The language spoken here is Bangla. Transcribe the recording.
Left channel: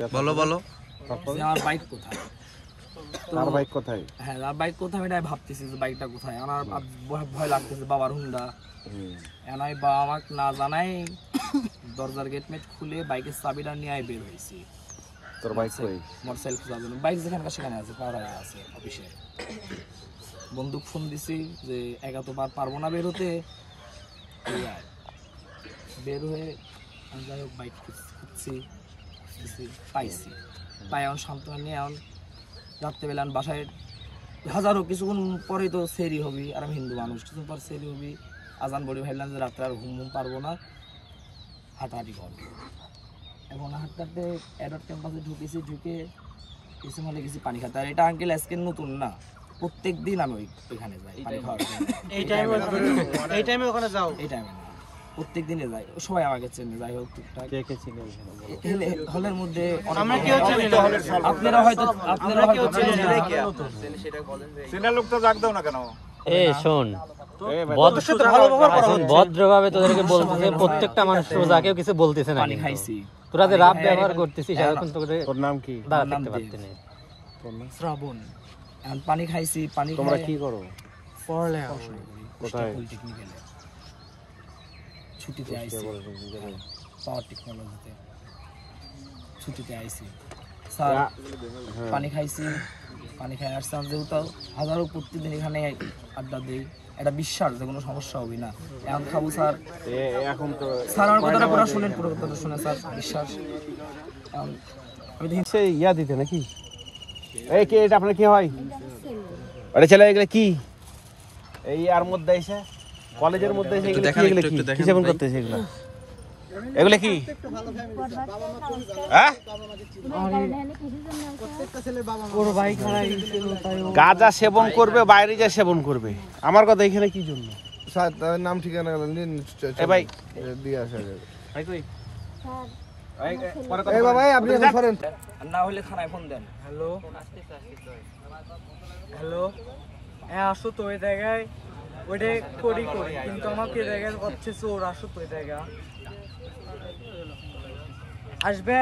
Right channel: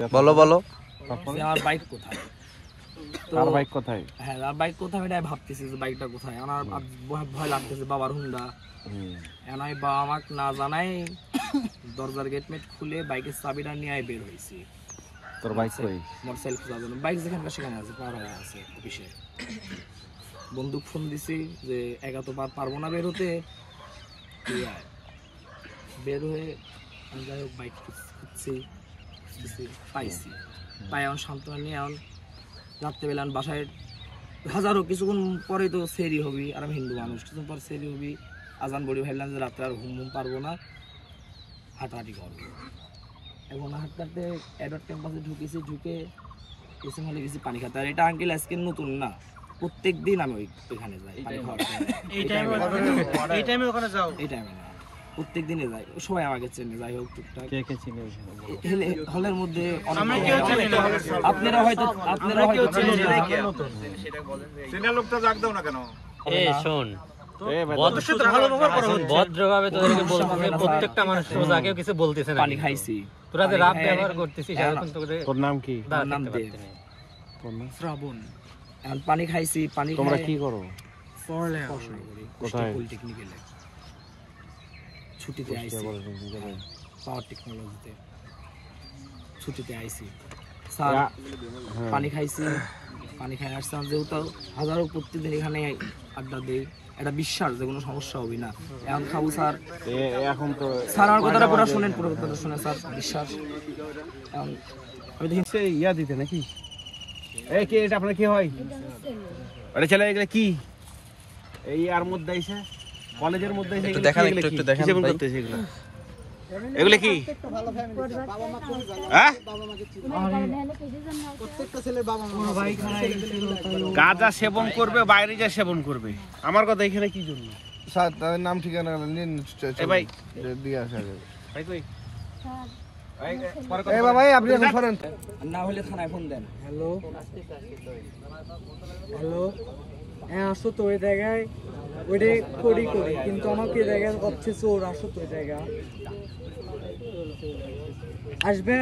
বলো বলো আমার বাইক কোথায়? তো বাইক কোথায়? হ্যাঁ, আর বাইক কোথায় আমি ভাবতেছি যে বাইকটা কোথায়। আমার ভয় লাগতেছে, বাবার হুন্ডা। আমি বাবা আমাকে না জানাই দরজার গেটমেট খুলে বাইকের চাবিটা নিয়ে বের হয়েছি। তোর বাইক কই? মোটরসাইকেল খোঁজার জন্য। বাইক যেখানে সেখানে আছে, পাওয়ার আছে অফিসে। বন্দুক ফোন দিছি যে একা তো পারবো না বের হতে, বের হয়ে যাই হোক বাইক খুঁজছি, পাইছি। পাই এখন সান্ত্বনা নিয়ে এখন রাত্রেবেলা বাসায় হাজারো কিছুক্ষণ পরেই তো সেরি হবি, আর আমি হিন্দু মানুষ, কিছুক্ষণ পর সেরি হবি, আজান বড়ি ভাবলাম যে রাত্রে আর ঘুম পারবো না, হাঁটাহাঁটি করবো। এখন হাঁটতে হাঁটতে অ্যাডার ক্যাম্পাসে ঢুকেছি, ঢুকে কিছু হলে কিছু পানি খাতে। আর এটা আঙ্কেল আজকে নতুন না, প্রত্যেক দিন আমি ওইখানে যাই পানি খাওয়ার। এই টাইমে না, প্রত্যেক দিনে যাই, সবাই আমাকে চেনে। যাই হোক টুকটাক হলের মধ্যে আপনারা হয়তো লোকটা ডাক দাও না কেন? শোন, ভদ্রভাবে তোদেরকে বলতেছে, প্রত্যেকটা মানুষ সোজাকেও কিছু বলতেছে না। পানি খাইছি, তোরা যে রাত ব্যবহার করতেছিস। তোর নাম কি? আমার নাম দেব, শ্রাবণ। এখন পানি খাইছি, পানি খাই। কি করো? পড়াশোনা করি পলিটেকনিক্যালে, ছুটিতে আইছি, পাওয়ার টেকনোলজিতে ছুটিতে আইছি। স্যার পানি খাইছি, পানি খাই আসতাম, যেহেতু হাজারো প্রত্যেকদিন এখানে আড্ডা দিই, একটা বিশ্বাস যে কোনো সমস্যা হবে না। এখন খাবো স্যার, এখন তো স্যার আমার কথাটা পুরো শোনেন, পুরো কথাটা শোনেন স্যার, বিশ্বাস। এখন আমি দেখি সে ইয়া দিতে নাকি? এই কে এটা? আপনার কি হয়? আরে ছেলে এগুলা কি? এই আর মধ্যে এসে কলেজের মধ্যে এসে একটু দেখান, একটু দেখান সেবন করতেছে এগুলা। এগুলা কি? হ্যাঁ, ওর ভাই খারাই ছিল, তাই ও গাঁজা সেবন করবে, বাইরে যা সেবন করবে। আমার কথা এখানে কি জন্য? স্যার তার নাম ঠিকানা নিন, ভাই দিয়ে আসা যাবে। ভাই কই? এই বাবা আপনি এখন সরেন, না হলে থানায় ফোন দেন। হ্যালো হ্যালো, হ্যাঁ আসো তো ওই জায়গায়, ওইটাই করি কিন্তু আমাকে এই জায়গায় হচ্ছে চোর। আসো তো ওই জায়গা, আসবে।